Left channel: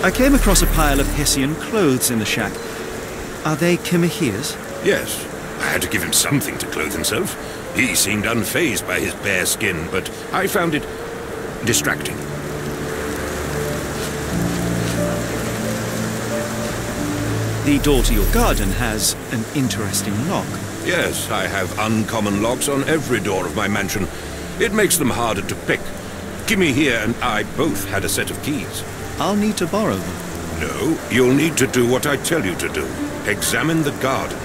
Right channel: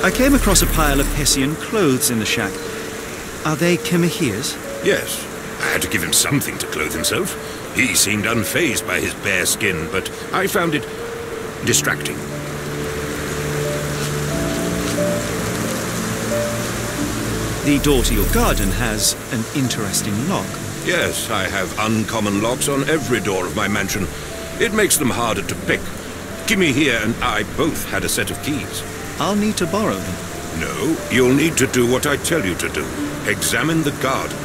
I came across a pile of Hessian clothes in the shack. Are they Kimahir's? Yes. I had to give him something to clothe himself. He seemed unfazed by his bare skin, but I found it distracting. The door to your garden has an interesting lock. Yes, I have uncommon locks on every door of my mansion. It makes them harder to pick. Kimahir and I both had a set of keys. I'll need to borrow them. No, you'll need to do what I tell you to do. Examine the garden.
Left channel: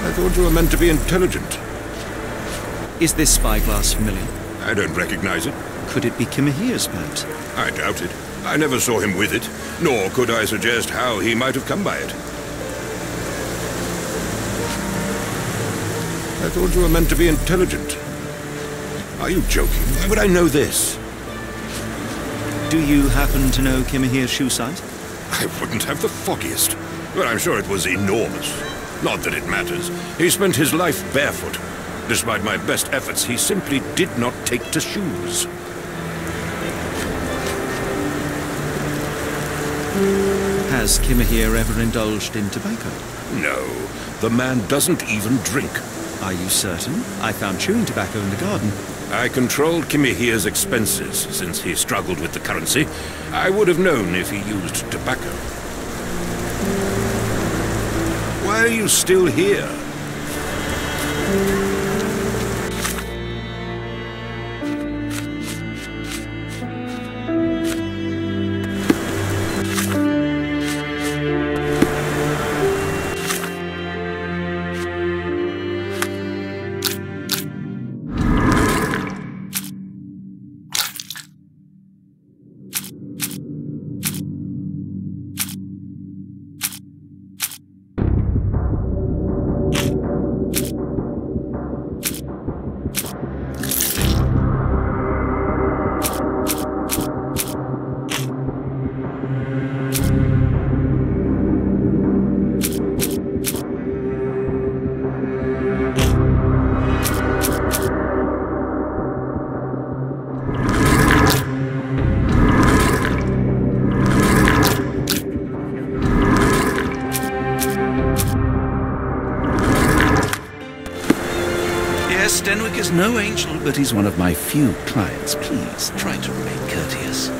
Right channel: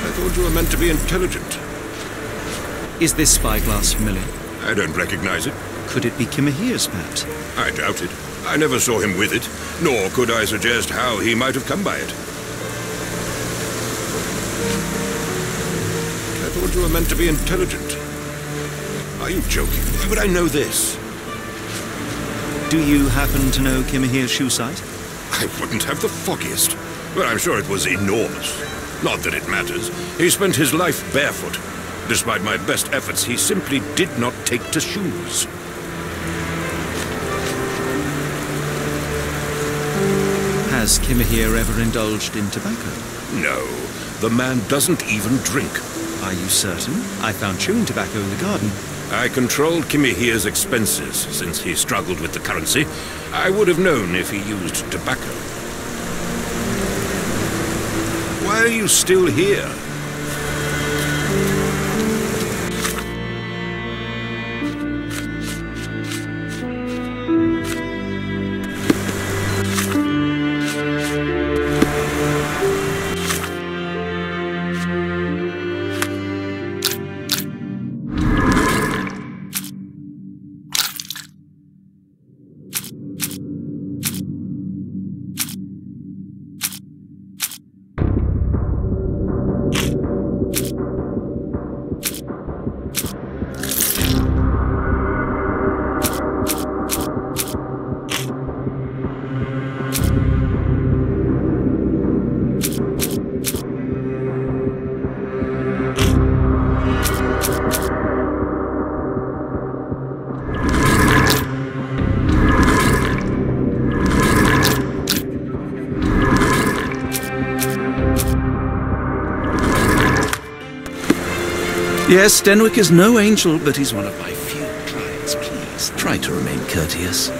I thought you were meant to be intelligent. Is this spyglass familiar? I don't recognize it. Could it be Kimahir's, perhaps? I doubt it. I never saw him with it, nor could I suggest how he might have come by it. I thought you were meant to be intelligent. Are you joking? Why would I know this? Do you happen to know Kimahir's shoe size? I wouldn't have the foggiest. But I'm sure it was enormous. Not that it matters. He spent his life barefoot. Despite my best efforts, he simply did not take to shoes. Has Kimahir ever indulged in tobacco? No, the man doesn't even drink. Are you certain? I found chewing tobacco in the garden. I controlled Kimahir's expenses since he struggled with the currency. I would have known if he used tobacco. Why are you still here? Yes, Denwick is no angel, but he's one of my few clients. Please, try to remain courteous.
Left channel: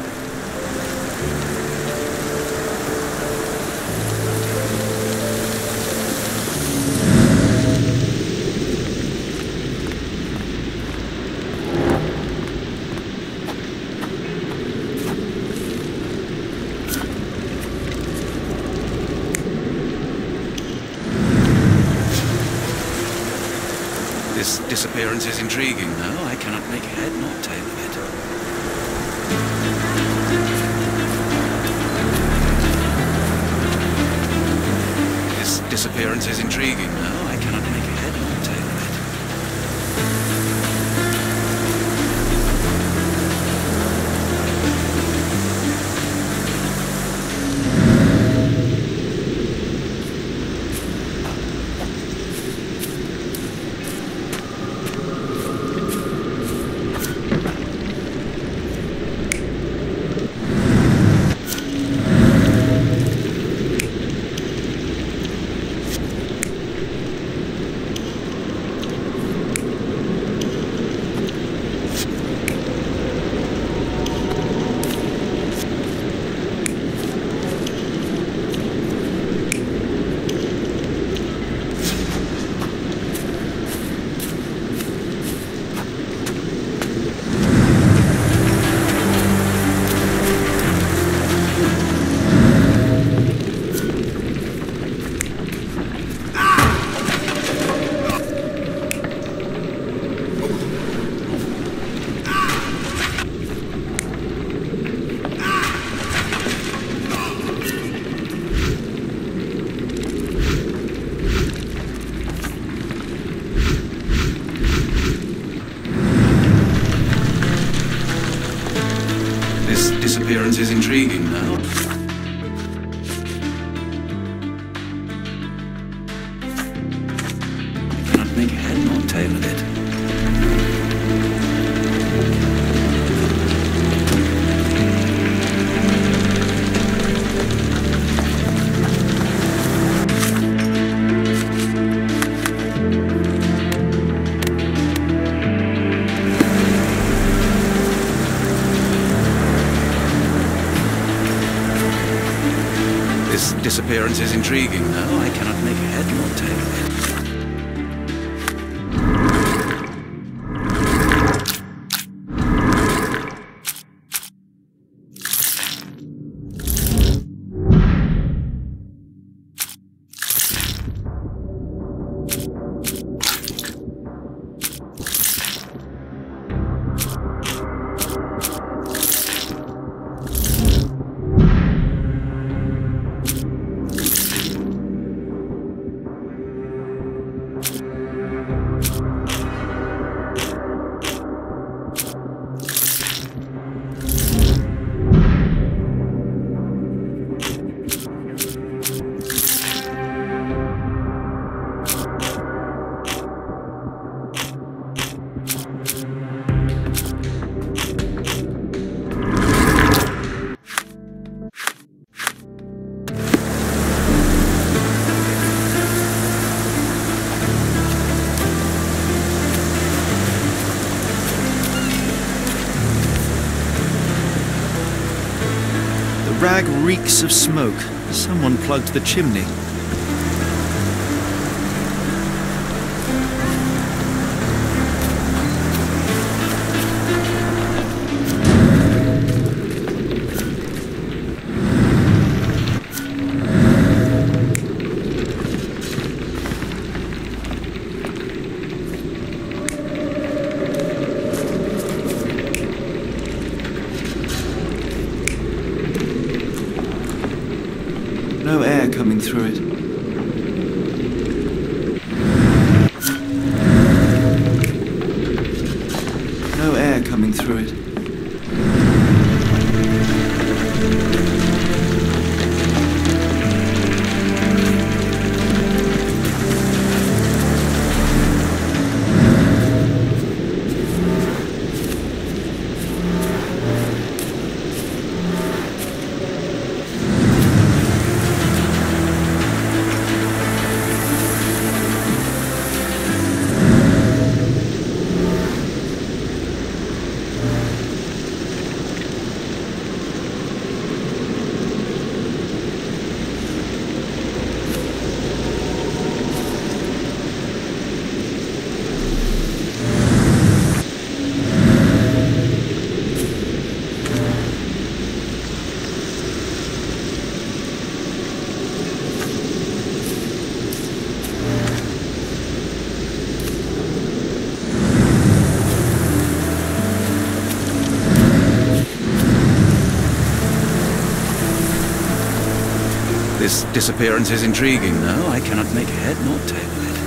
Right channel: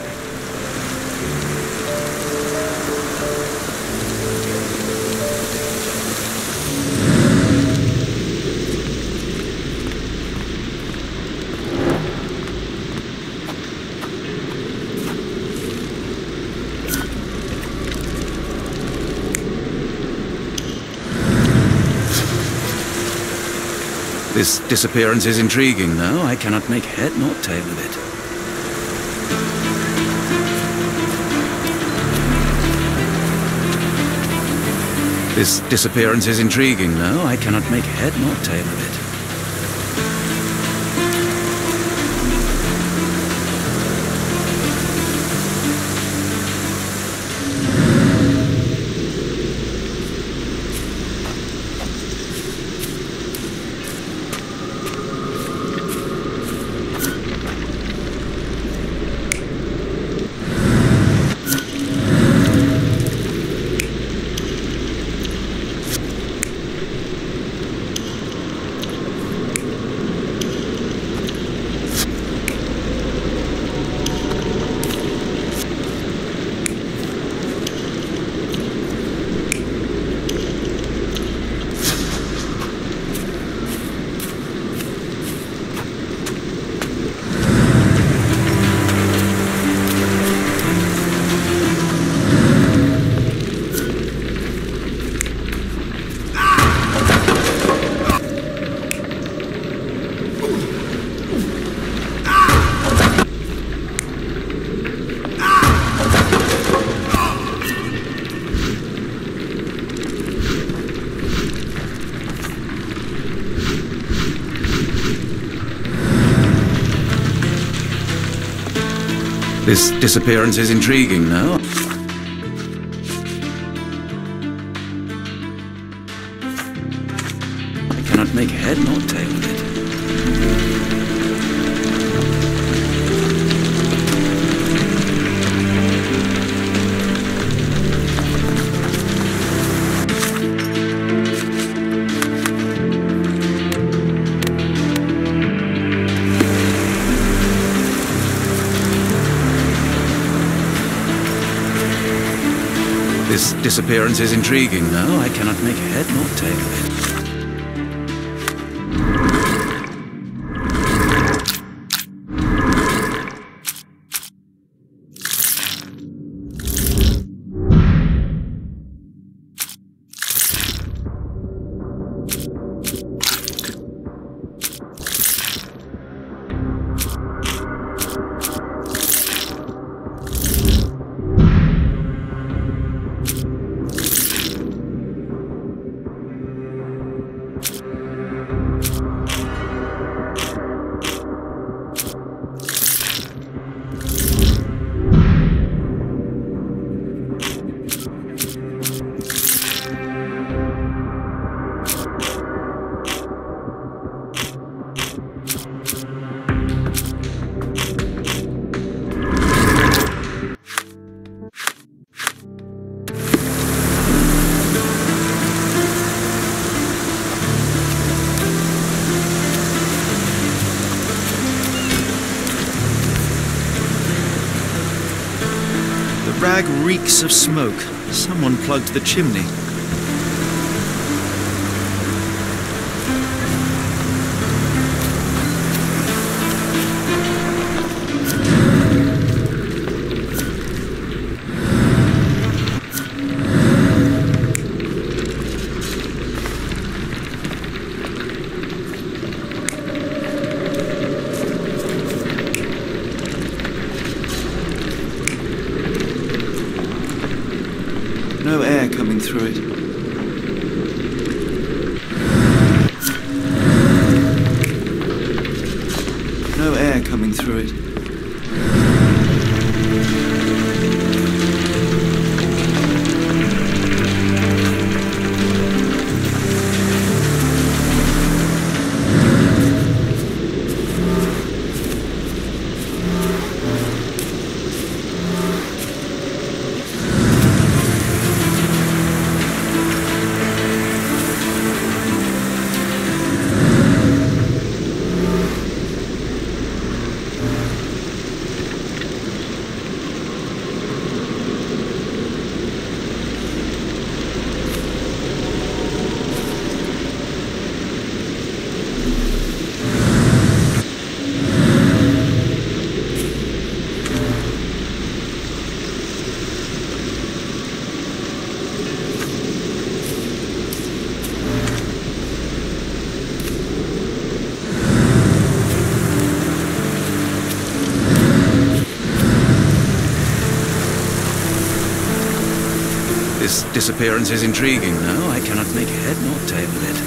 This disappearance is intriguing, though. I cannot make head nor tail of it. This disappearance is intriguing, though. I cannot make head nor tail of it. This disappearance is intriguing, though. I cannot make head nor tail of it. This disappearance is intriguing. No, I cannot make head nor tail of it. The rag reeks of smoke. Someone plugged the chimney. No air coming through it. No air coming through it. This disappearance is intriguing. No, I cannot make head nor tail of it.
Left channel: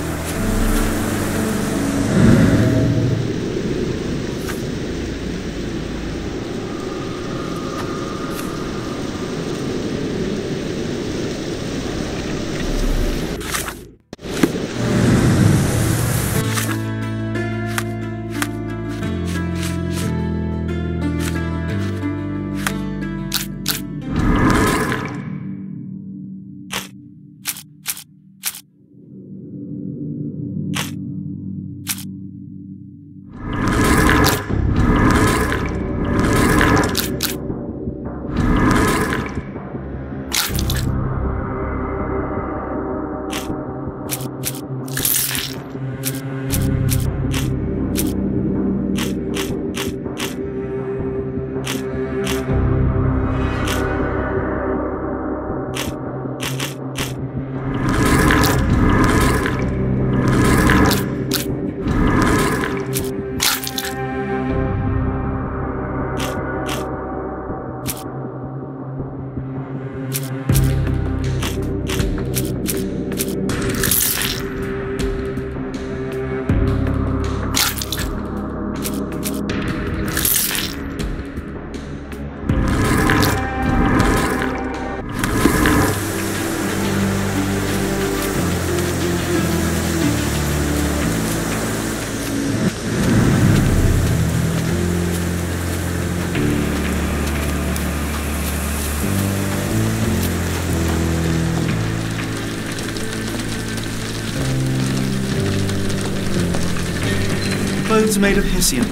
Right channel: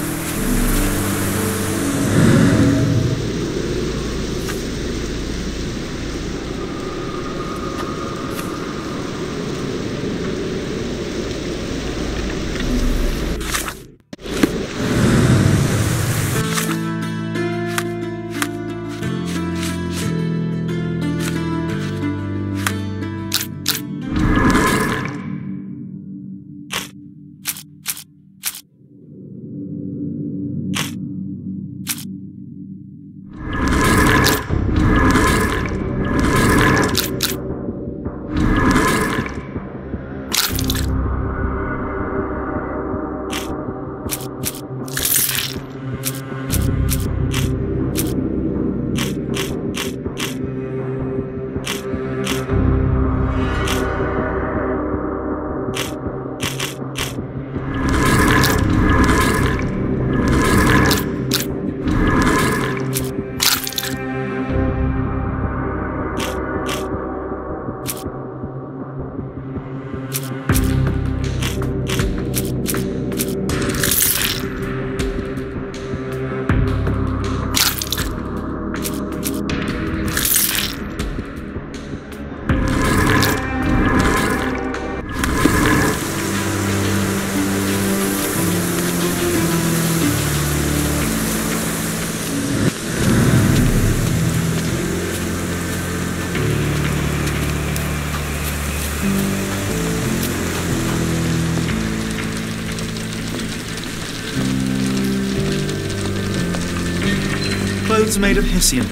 Clothes made of Hessian.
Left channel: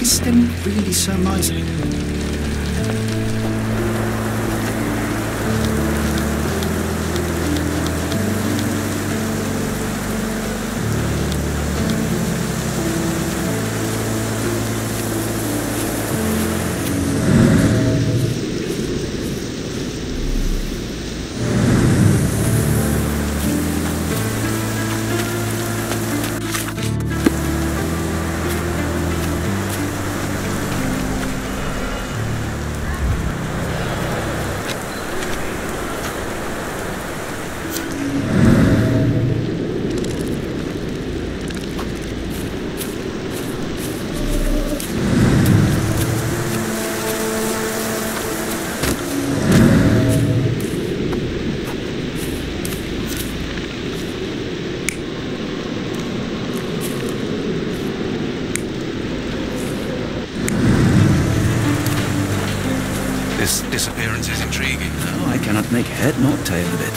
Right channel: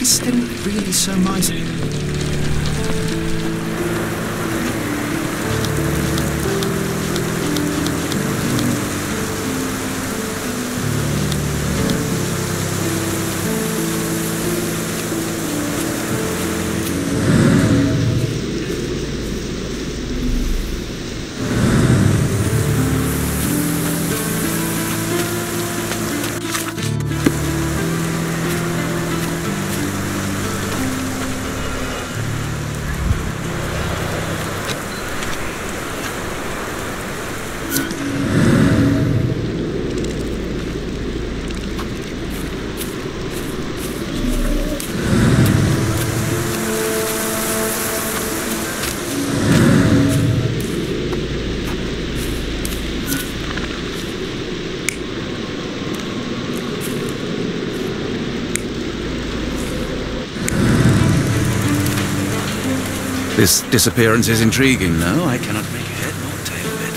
Is Sten really so miserly? This disappearance is intriguing. No, I cannot make head nor tail of it.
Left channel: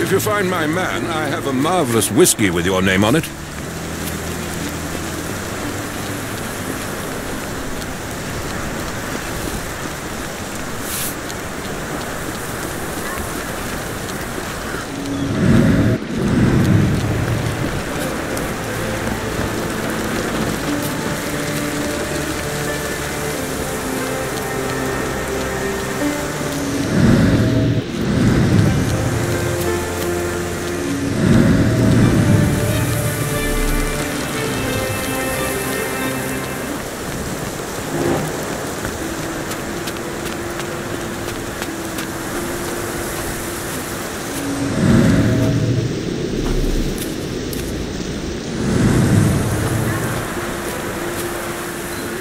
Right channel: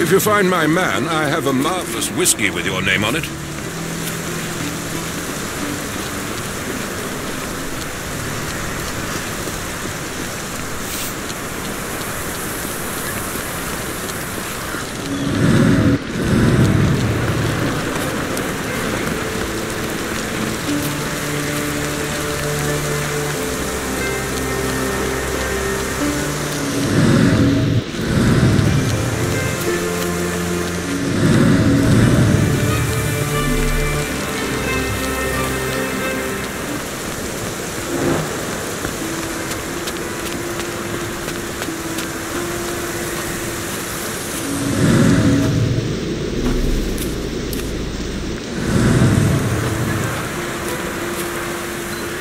If you find my man, I have a marvelous whiskey with your name on it.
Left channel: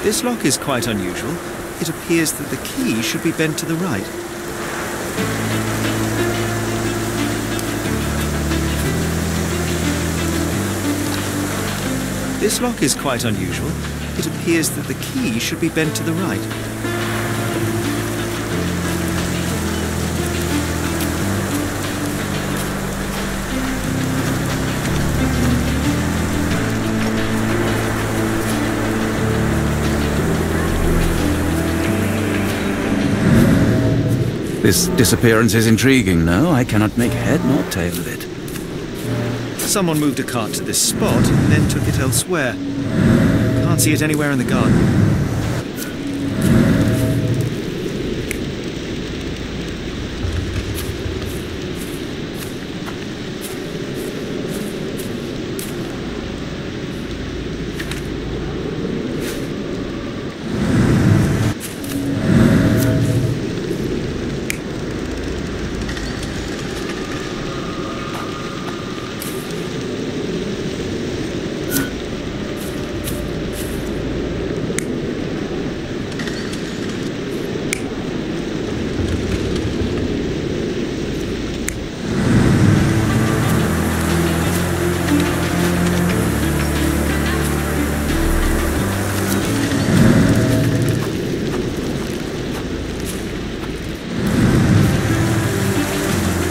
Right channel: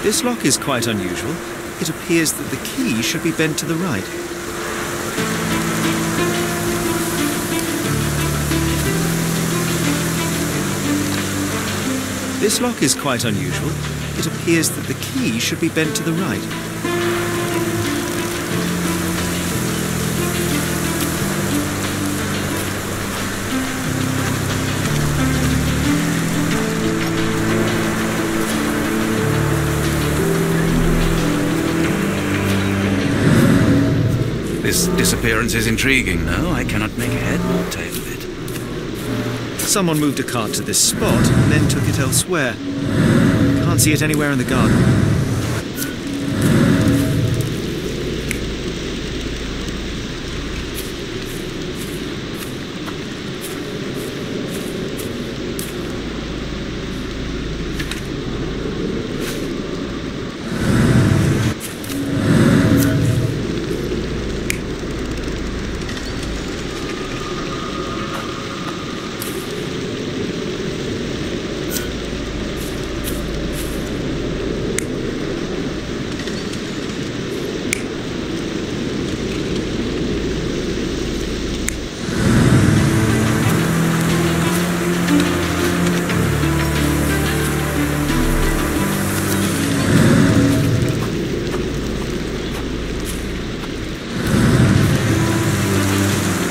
This lock is quite unusual. It appears that the key should be bent to the right. This lock is quite unusual. It appears that the key should be bent to the right. This disappearance is intriguing. No, I cannot make head nor tail of it. Someone moved a cart to this spot and then took it elsewhere. Can't see it anywhere in the garden.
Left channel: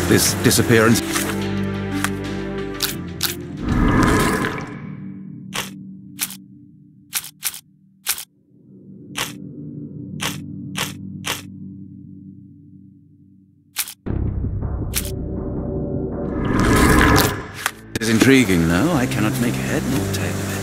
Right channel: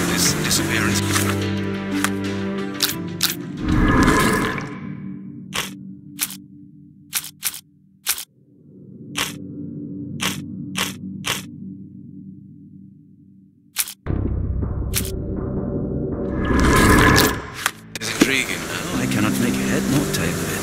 This disappearance... is intriguing. No, I cannot make head nor tail of it.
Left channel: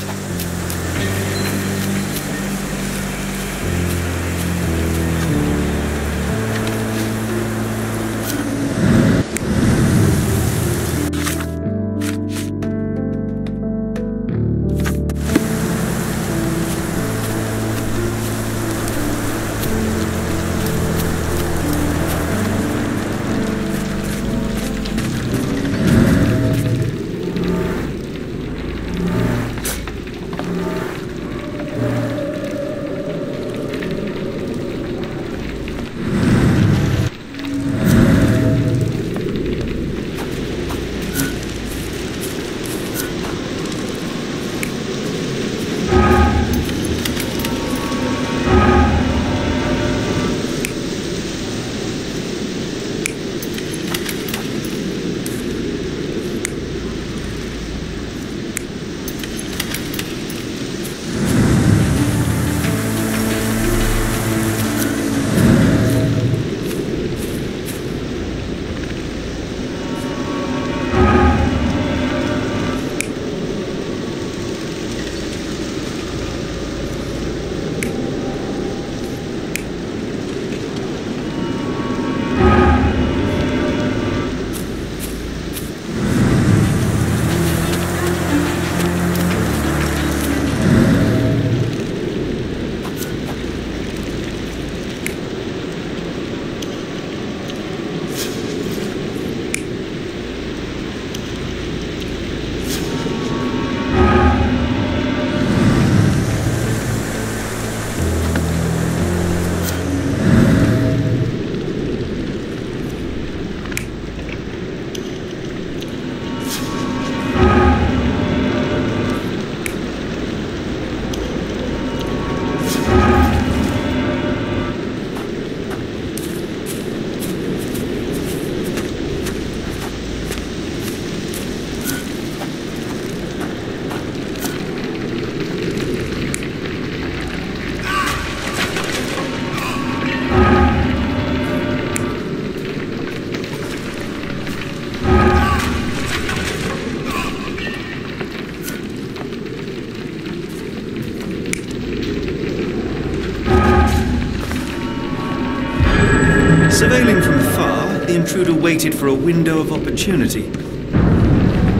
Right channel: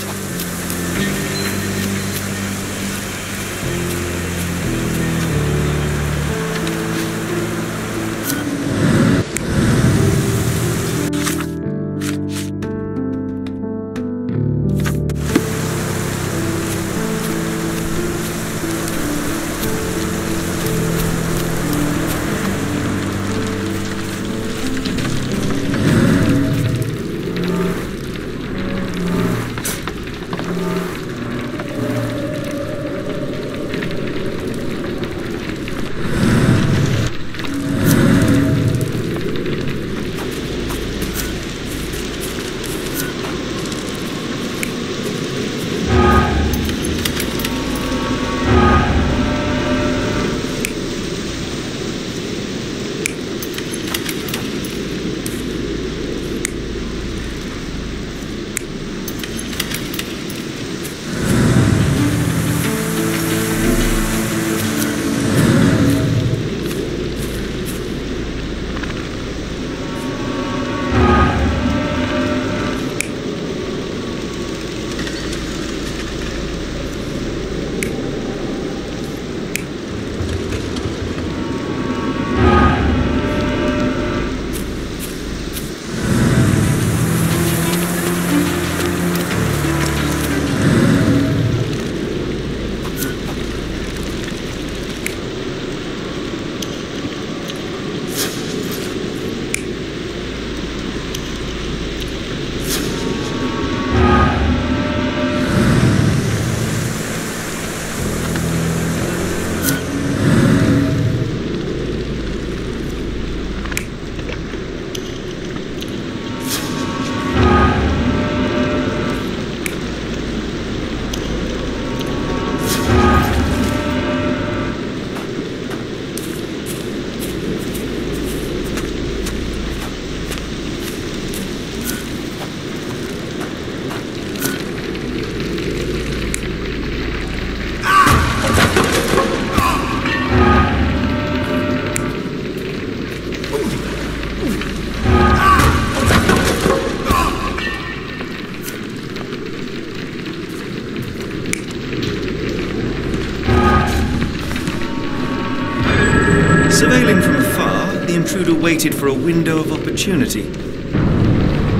Surveilling from afar, the intruder waited for a window of opportunity.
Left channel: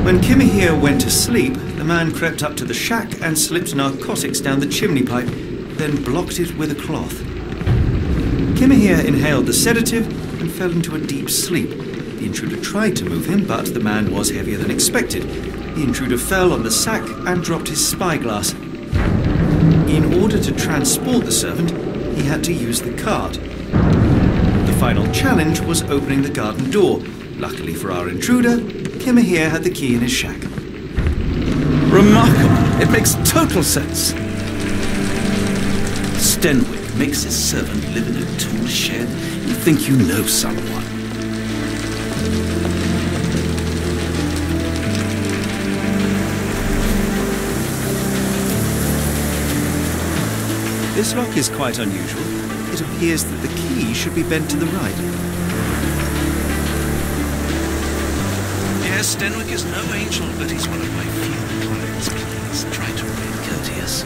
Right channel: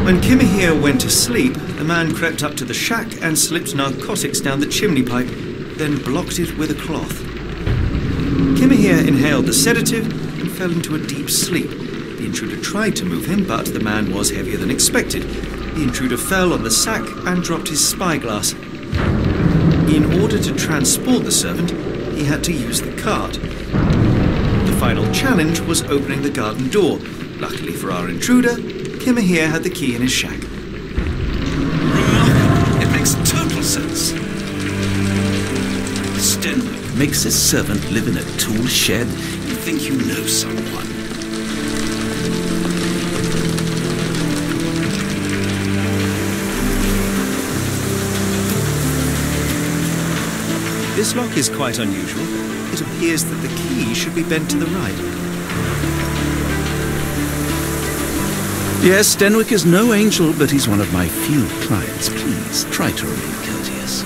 When Kimahir went to sleep, the man crept up to the shack and slipped narcotics down the chimney pipe, then blocked it with a cloth. Kimahir inhaled the sedative and fell into a deep sleep. The intruder tried to move him, but the man was heavier than expected. The intruder fell on the sack and dropped his spyglass. In order to transport the servant, he had to use the cart. The final challenge was opening the garden door. Luckily for our intruder, Kimahir had the key in his shack. Remarkable. It makes total sense. Stenwick makes his servant live in a tool shed. You think you know someone. This lock is quite unusual. It appears that the key should be bent to the right. Yes, Stenwick is no angel, but he's one of my few clients. Please, try to remain courteous.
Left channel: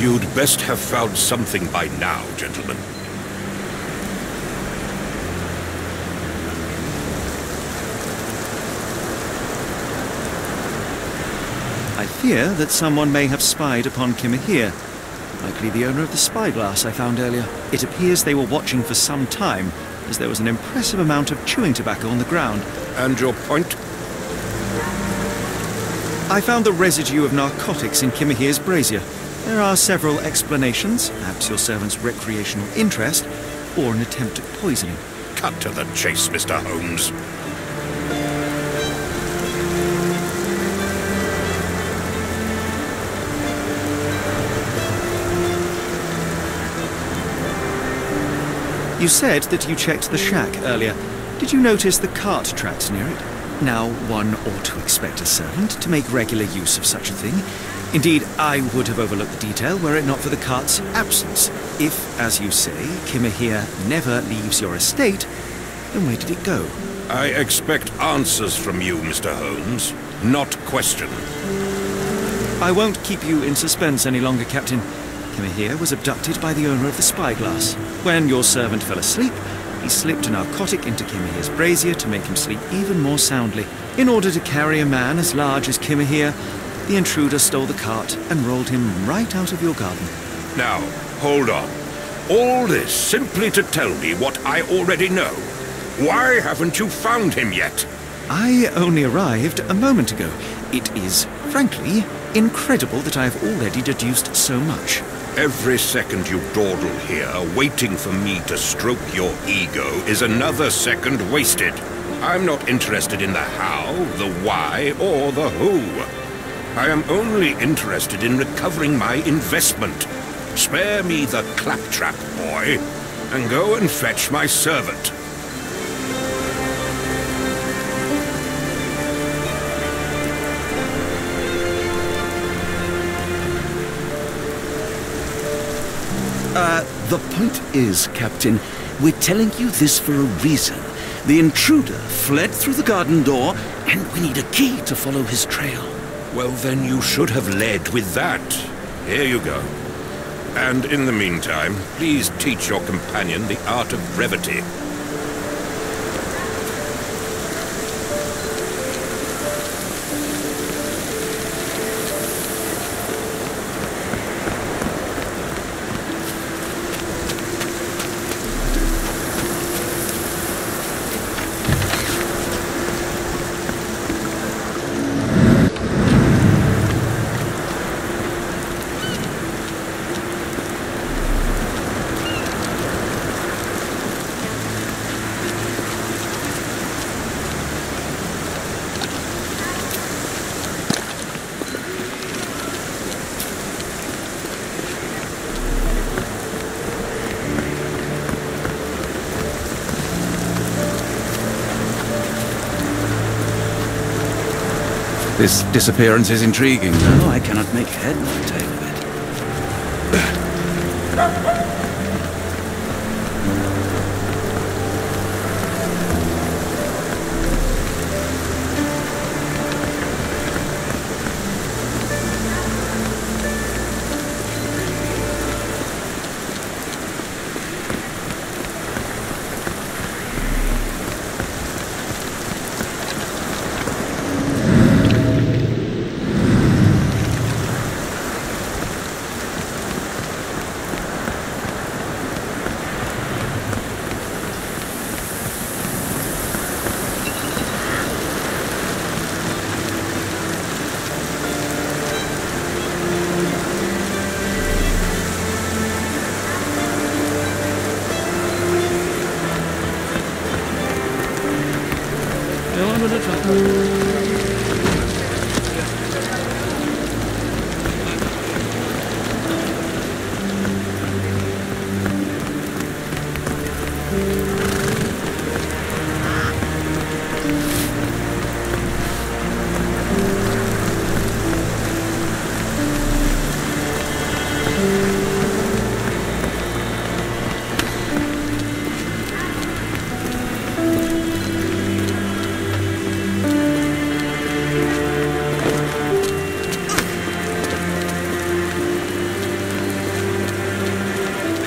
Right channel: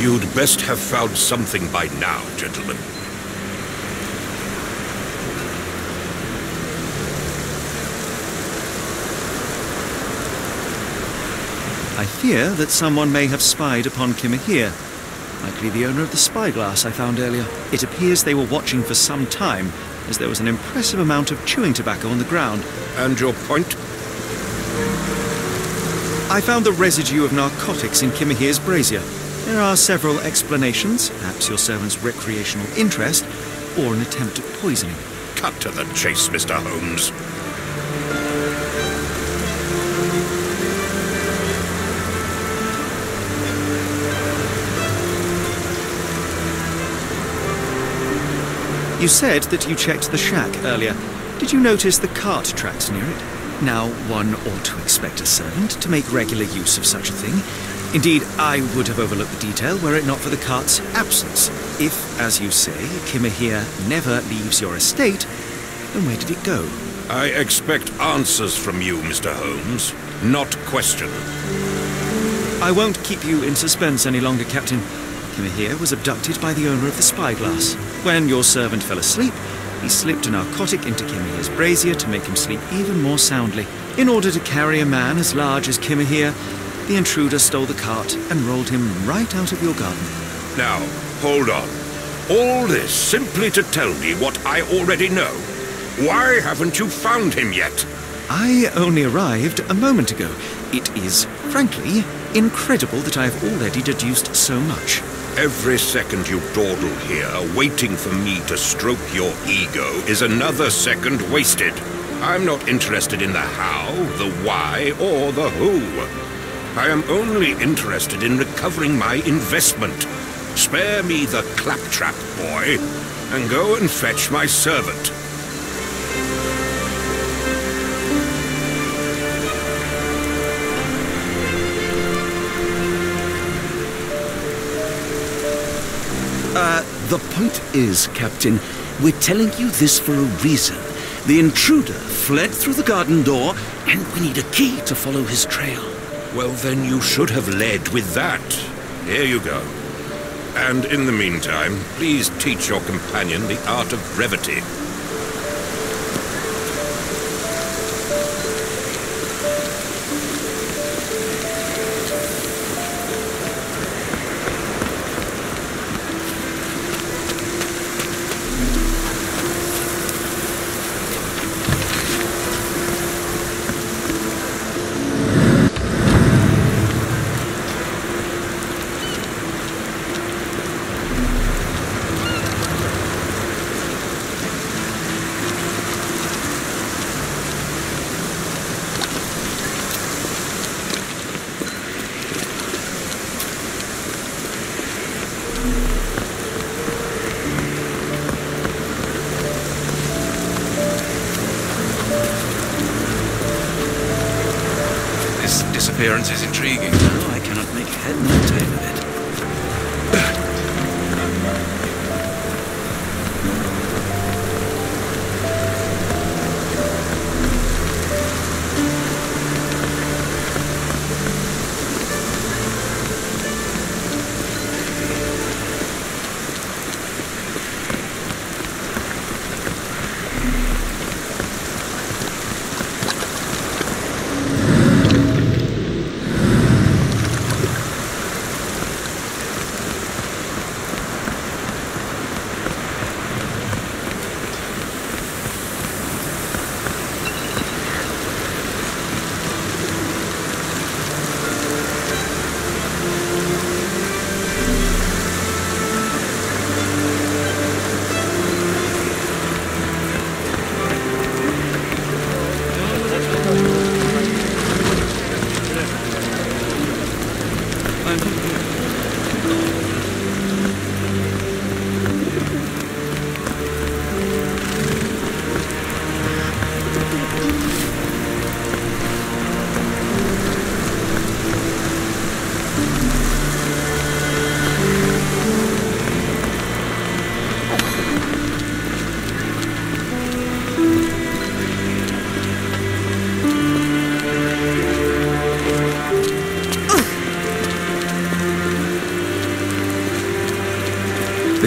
You'd best have found something by now, gentlemen. I fear that someone may have spied upon Kimahir, likely the owner of the spyglass I found earlier. It appears they were watching for some time, as there was an impressive amount of chewing tobacco on the ground. And your point? I found the residue of narcotics in Kimahir's brazier. There are several explanations, perhaps your servant's recreational interest, or an attempt at poisoning. Cut to the chase, Mr. Holmes. You said that you checked the shack earlier. Did you notice the cart tracks near it? Now, one ought to expect a servant to make regular use of such a thing. Indeed, I would have overlooked the detail were it not for the cart's absence. If, as you say, Kimahir never leaves your estate, then where did it go? I expect answers from you, Mr. Holmes, not question. I won't keep you in suspense any longer, Captain. Kimmer here was abducted by the owner of the spyglass. When your servant fell asleep, he slipped a narcotic into Kimmer here's brazier to make him sleep even more soundly. In order to carry a man as large as Kimmer here, the intruder stole the cart and rolled him right out of your garden. Now, hold on. All this simply to tell me what I already know. Why haven't you found him yet? I only arrived a moment ago. It is, frankly, incredible that I have already deduced so much. Every second you dawdle here, waiting for me to stroke your ego, is another second wasted. I'm not interested in the how, the why, or the who. I am only interested in recovering my investment. Spare me the claptrap, boy, and go and fetch my servant. The point is, Captain, we're telling you this for a reason. The intruder fled through the garden door, and we need a key to follow his trail. Well, then you should have led with that. Here you go. And in the meantime, please teach your companion the art of brevity. This disappearance is intriguing. No, I cannot make head nor tail of it.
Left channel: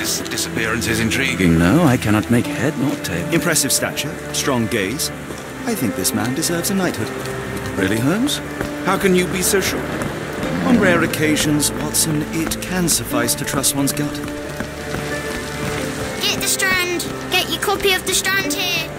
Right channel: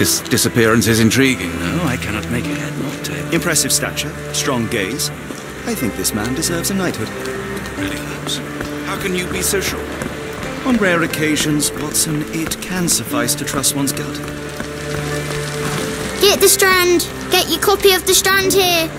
This disappearance is intriguing. No, I cannot make head nor tail. Impressive stature, strong gaze. I think this man deserves a knighthood. Really, Holmes? How can you be so sure? On rare occasions, Watson, it can suffice to trust one's gut. Get the Strand! Get your copy of the Strand here!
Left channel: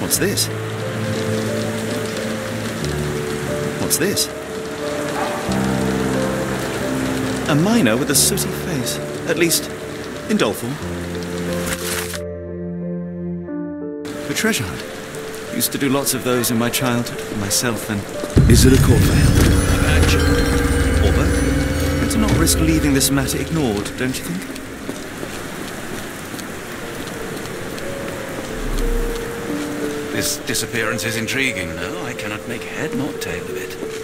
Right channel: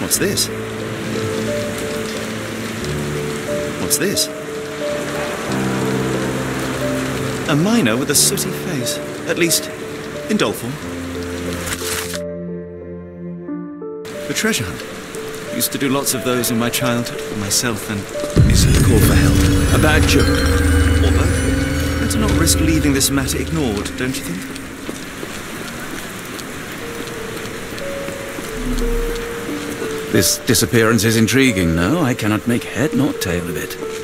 What's this? What's this? A miner with a sooty face. At least, in doll form. A treasure hunt. Used to do lots of those in my childhood for myself and... Is it a call for help? A bad joke? or both. Better not risk leaving this matter ignored, don't you think? This disappearance is intriguing, no? I cannot make head nor tail of it.